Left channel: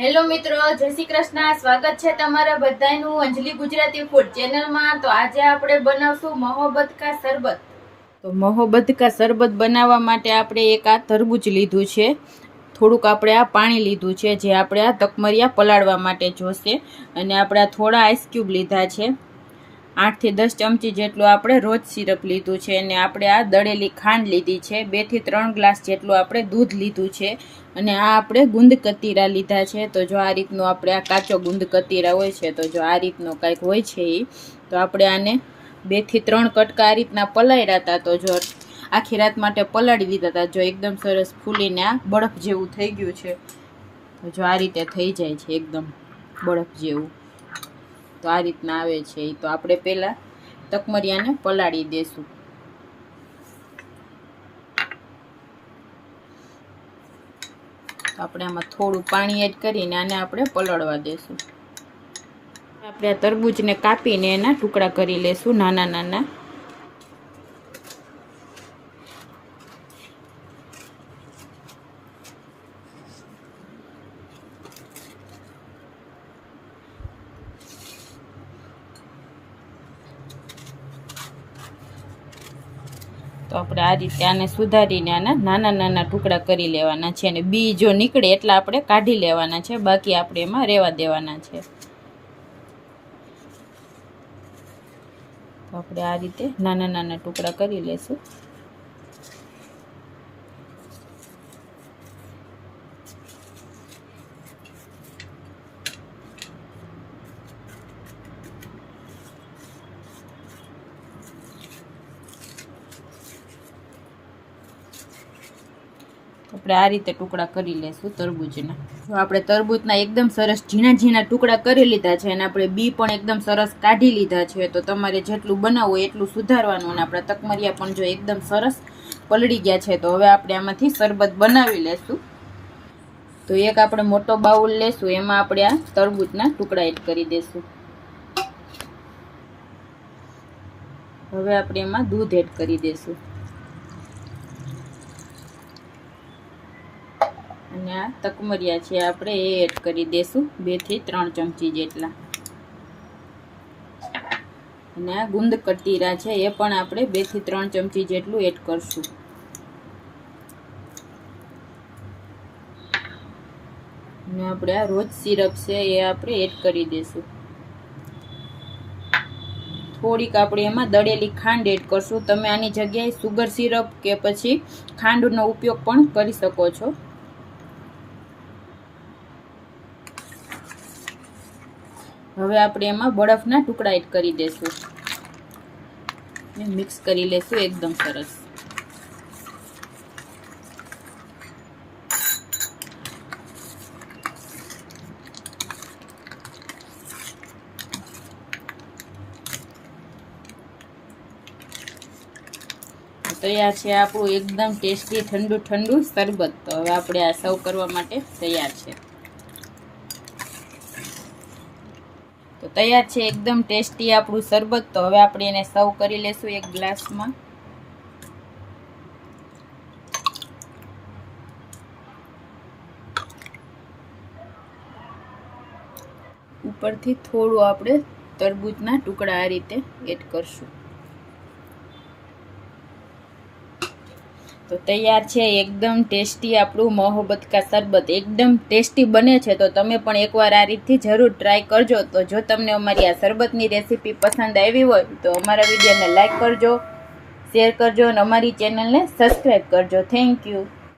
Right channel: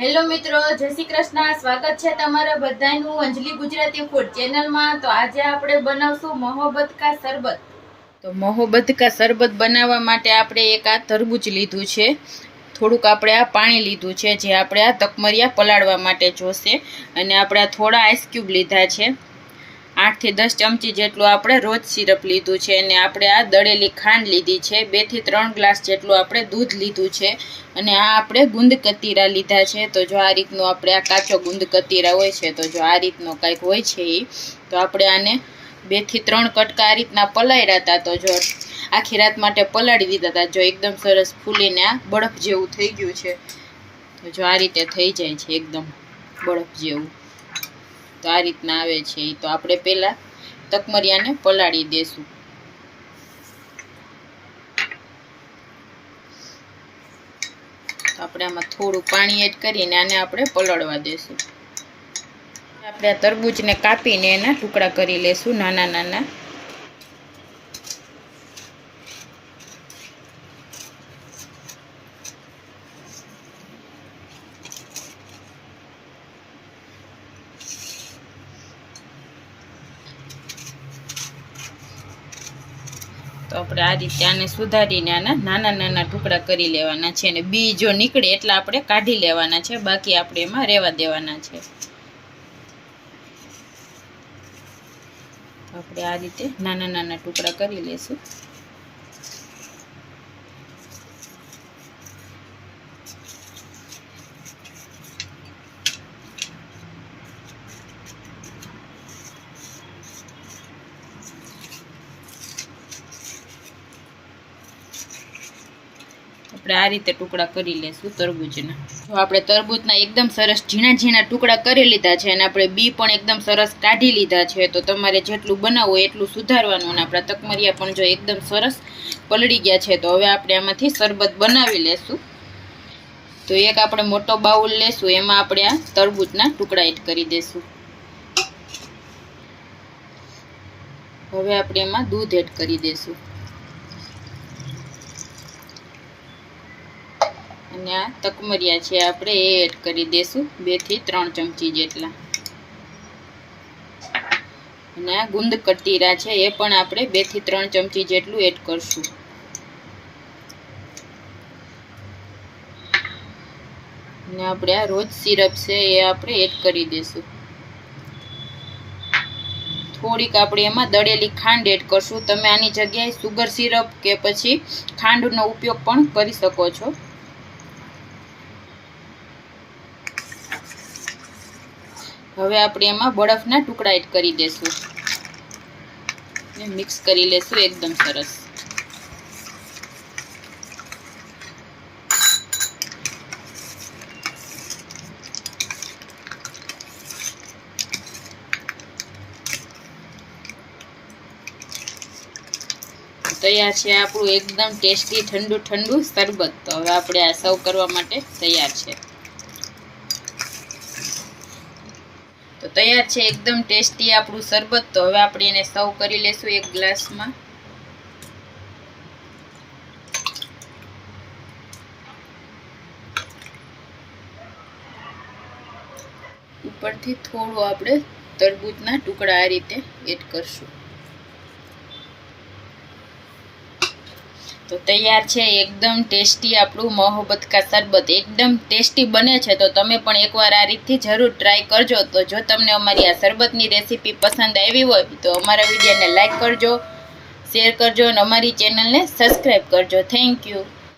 Hello મિત્રો, જય શ્રી કૃષ્ણ. સ્વાગત છે તમારા બધાનું અંજલિ ગુજરાતી ફૂડ ચેનલમાં તો આજે આપણે બનાવશું મોહબ્બત કા શરબત તો મોહબ્બત કા શરબત બનાવવા માટે આપણે એક આ તરબૂચ લીધું છે. થોડુંક આપણે આ પાણી લીધું છે, જે આપણે આ તકમરિયા પલાળવા માટે જોશે. અને આપણે આ થોડા આઈસ ક્યુબ લીધા છે. આઠથી દસ ચમચી જેટલું આપણે રોજ સિરપ લીધું છે અને આપણે આ દળેલી ખાંડ લીધી છે. બેથી ત્રણ ગ્લાસ જેટલું આપણે દૂધ લીધું છે અને આ આપણે ગુંદ કતીરા લીધા છે. તો જો આ રીતનો આપણે આ કાચો ગુંદ કતીરા હોય છે, તો જો આ રીતનો કાંઈક હોય છે એ તો આપણે આને બેથી ત્રણ કટકા આ રીતના પલાળ્યા હતા. તો જો આખી રાત માટે પલાળી દીધા હતા. જો એકદમ સરસ ફૂલીને આ બરફ જેવું થઈ ગયું છે. તો જો આ રીતે થઈ જાય છે, એકદમ બરફ જેવું. તો આ રીતના આવે છે. એ તો આપણે પહેલાં તકમરિયાને પલાળી દેશું. આપણે આમાં થોડું પાણી એડ કરીને આને આપણે પલળવા દેશું. આપણે આ તરબૂચને કાપીને એના ટુકડા કરી લેશું નાના નાના. તો આપણે આ રીતે આને સુધારીને આના નાના નાના ટુકડા કરી લેવાના છે અને બી જો નીકળે એટલા આપણે કાઢી લેવાના છે, બાકી આપણે એમાં રહેવા દેવાના છે. તો આપણે આ રીતે નાના નાના ટુકડા કરી લેશું. આપણે આ રીતે ટુકડા કરી લેશું તરબૂચના જો આપણે તરબૂચના એકદમ સરસ ઝીણા ઝીણા ટુકડા કરી લીધા છે અને આપણે બી પણ એકદમ સરસ કાઢી લીધા છે. તો તમારે જેટલું બનાવવું હોય એટલું સુધારવાનું અને આપણા તકમરિયા પણ જો એકદમ સરસ પલળી ગયા છે, તો હવે આપણે આમાંથી શરબત બનાવી લેશું. તો એક આપણે મોટો બાઉલ લેશું, એમાં આપણે આ તરબૂચના ટુકડા એડ કરી દેશું. હવે આપણે એમાં દૂધ એડ કરી દેશું. આ તકમરિયા છે, આપણે એ એડ કરી દઈશું બેથી ત્રણ ચમચી જેટલા. અને આ ગુંદ કટીરા છે, એ પણ આપણે બેથી ત્રણ ચમચી જેટલું એડ કરશું. અને આપણે આ રોજ સિરપ છે, એ આપણે એડ કરી દઈશું થોડીક આપણે એમાં દળેલી ખાંડ એડ કરશું. તમે આની જગ્યાએ સુગર સિરપ કે પછી ખાંડનો ઉપયોગ પણ કરી શકો છો. હવે આપણે એમાં બરફના ટુકડા એડ કરી દેશું. મિક્સ કરી લેશું એકદમ સરસ. તૈયાર છે આપણું એકદમ ટેસ્ટી ઠંડુ ઠંડુ શરબત. તો હવે આપણે આ સર્વ કરવા માટે તૈયાર છે. તો તૈયાર છે, એકદમ ટેસ્ટી આપણું શરબત. તો હવે આપણે એને સર્વ કરી લેશું એક ગ્લાસમાં. ઉપરથી થોડું આપણે તરબૂચના ટુકડા આ રીતે એડ કરશું. તો તૈયાર છે, એકદમ ટેસ્ટી આપણું મોહબ્બત કા શરબત એકદમ ટેસ્ટી બને છે, તો તમે પણ એકવાર આ રીતથી જરૂર ટ્રાય કરજો. તો જો તમને અમારી આ શરબતની રેસીપી પસંદ આવી હોય, તો અમારા વિડીયોને લાઇક કરજો શેર કરજો અને અમારી ચેનલને સબસ્ક્રાઈબ કરજો. Thank you